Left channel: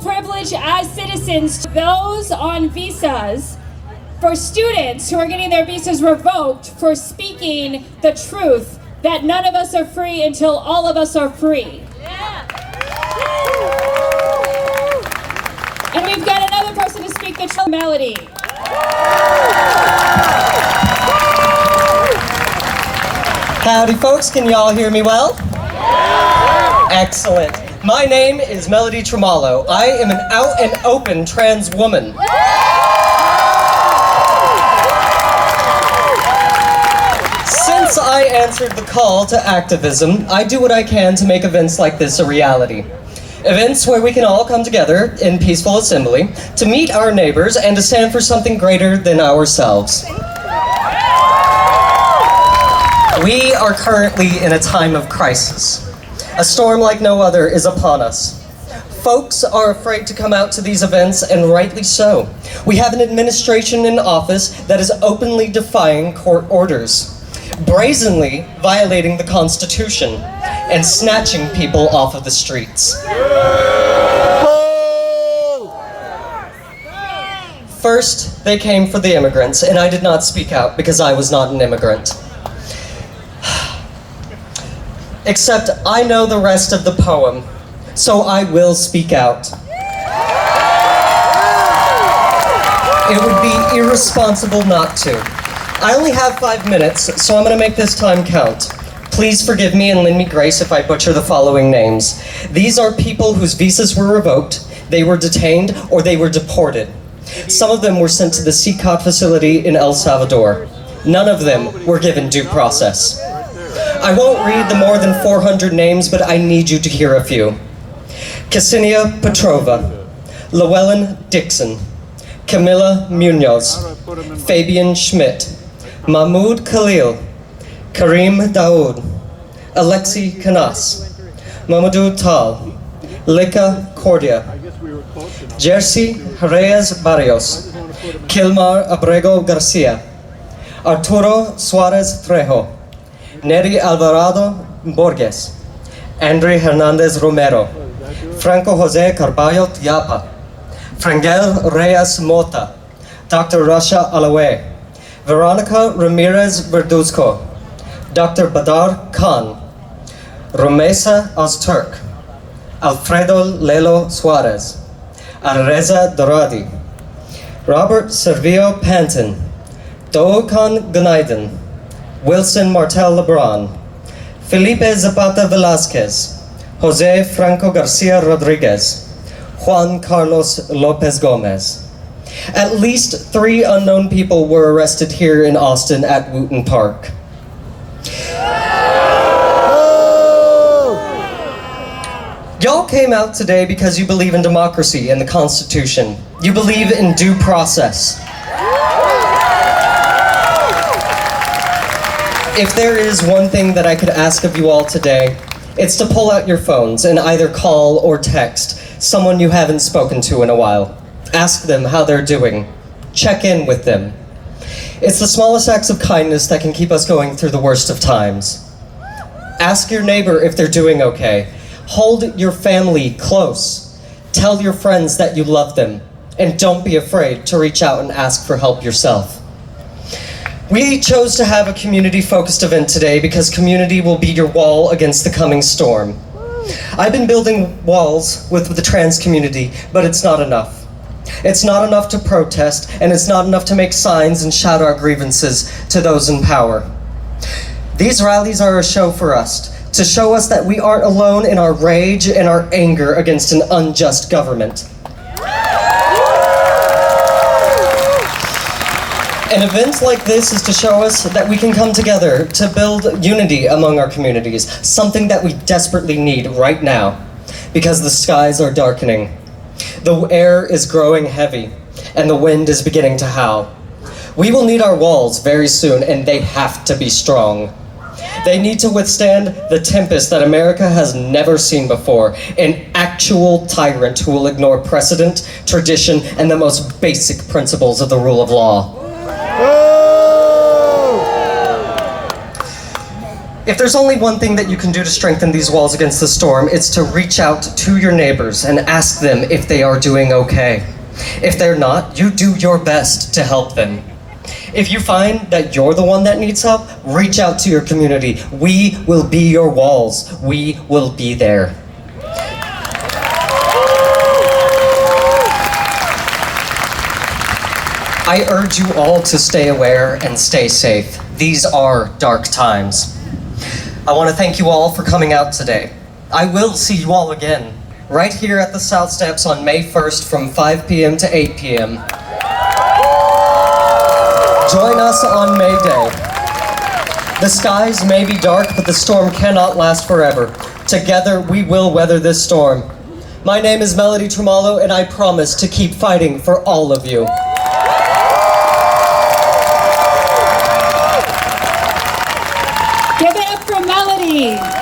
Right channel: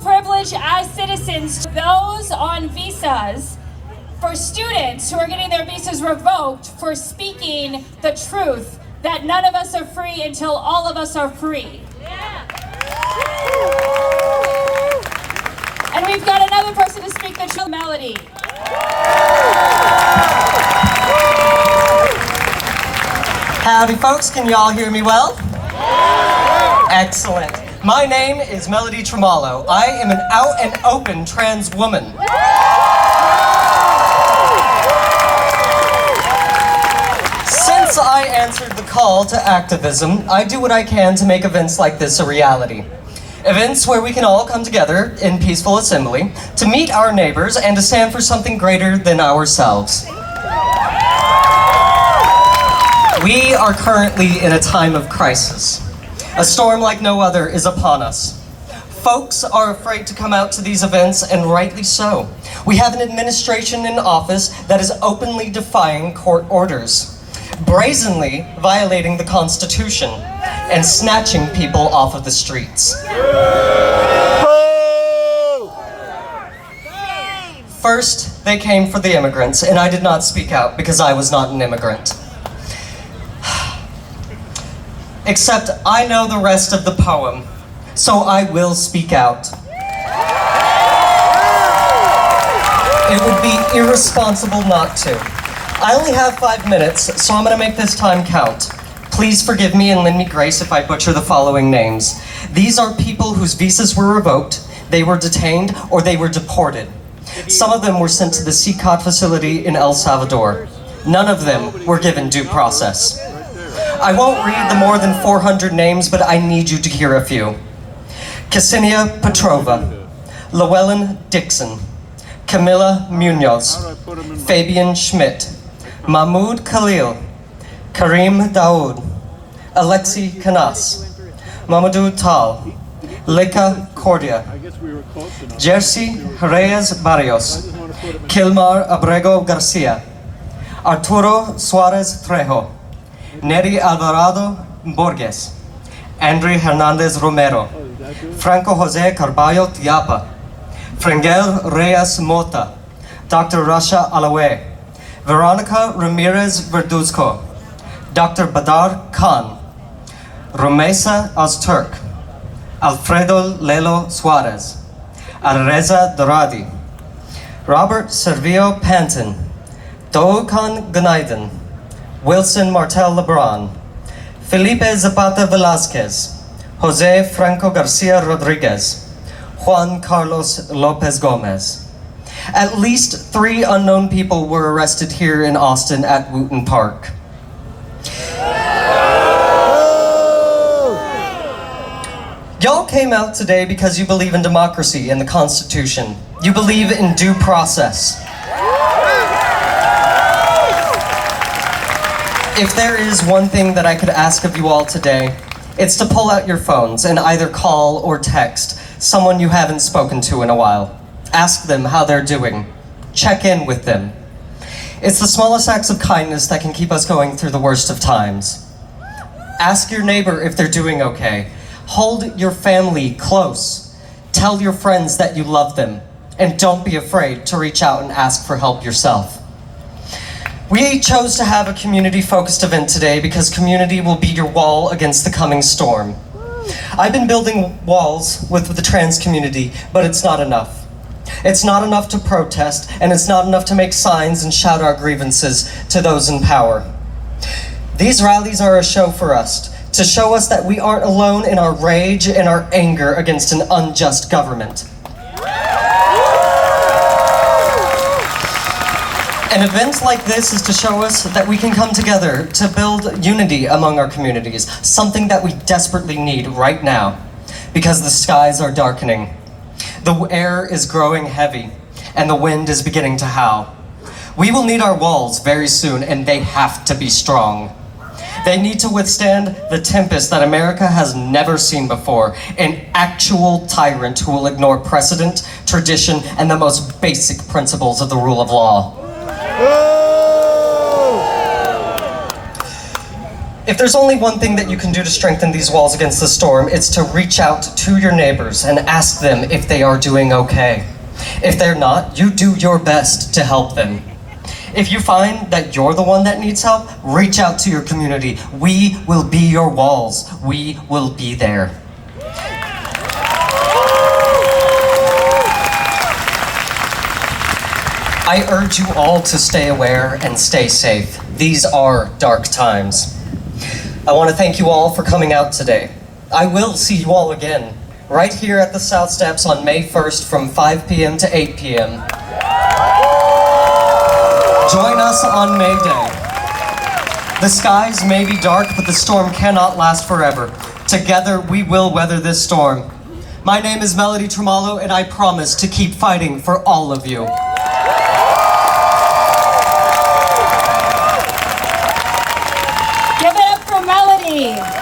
privilege as citizens, those on visas, for students who are getting their visas revoked for speaking the truth that none of us are free until all of us are free. And we've got another person to speak the truth, Melody. Howdy folks, can y'all hear me well? Excellent. My name is Melody Tremallo. I am an out and open trans woman. Since I answered the call to activism, I do what I can to make events like this a reality. Events where we can all come together in peaceful assembly to meet our neighbors and to stand for something greater than ourselves. We are currently in a time of crisis. A storm like no other is upon us. Folks are afraid to come out to these events, and rightly so. We have an administration in office that is openly defying court orders, brazenly violating the Constitution, and snatching people off of the streets. First, they came for the immigrants, and I did not speak out because I was not an immigrant. Except I know the rest of the poem, so I will speak out. It would be irresponsible not to. I only have 5 minutes, so I'm gonna make this time count. Please forgive me and lend me grace if I butcher the following names. These are people whose visas were revoked, they were detained, or they were deported. Some of them were sent to the CICOT facility in El Salvador. None of them were given due process. I won't read the more than 400 names, but I need you to hear a few. Ksenia Petrova, Llewellyn Dixon, Camila Munoz, Fabian Schmidt, Mahmoud Khalil, Karim Daoud, Alexi Canas, Mamadou Tal, Lika Cordia, Jersey Reyes Barrios, Kilmar Abrego Garcia, Arturo Suarez Trejo, Neri Alvarado Borges, Andre Hernandez Romero, Franco Jose Carballo Tiapa, Frangel Reyes Mota, Dr. Rasha Alawe, Veronica Ramirez Verduzco, Dr. Badar Khan, Rumesa Ozturk, Alfredo Lelo Suarez, Arreza Doradi, Robert Servio Panton, Doğukan Günaydın, Wilson Martel Lebron, Felipe Zapata Velasquez, Jose Franco Garcia Rodriguez, Juan Carlos Lopez Gomez. At least 3 unknown people were arrested here in Austin at Wooten Park. Y'all came out today because you believe in democracy and the Constitution. You believe in due process. If there is one thing that I could ask of you all today, it's to pull out your phones and either call or text someone you haven't spoken to in a while. Ask them how they're doing. Check in with them. It's the smallest acts of kindness that can keep us going through the worst of times. Ask your neighbor if they're doing okay. Hold your family close. Tell your friends that you love them. And don't be afraid to reach out and ask for help yourself. We chose to have a community-focused event today because community will be your wall against the coming storm. I've been building walls with the trans community, but it's not enough. It's not enough to protest, and it's not enough to make signs and shout our grievances to those in power. These rallies are a show for us, to show us that we aren't alone in our rage and our anger against an unjust government. An event like this is to show us that we can come together to build unity among our communities, something that we desperately need right now, because the skies are darkening. The air is growing heavy, and the wind is beginning to howl. We will need our walls very soon, and they have to be strong. They need to withstand the tempest that America has never seen before, an actual tyrant who will ignore precedent, tradition, and the most basic principles of the rule of law. If there's only one thing that you can do to strengthen these walls against the storm, it's to reach out to your neighbors and ask them if they are doing okay. If they're not, you do your best to help them. If you find that you're the one that needs help, reach out to your community. We will be your walls. We will be there. I urge you all to stay aware and stay safe. These are dark times. I want to thank you all for coming out today. I will see you all again, right here at the South Steps on May 1st from 5 p.m. to 8 p.m. Join us on May Day. The skies may be dark, but the storm cannot last forever. Together, we will weather this storm. My name is Melody Tremallo, and I promise to keep fighting for all of you. Give it up for Melody.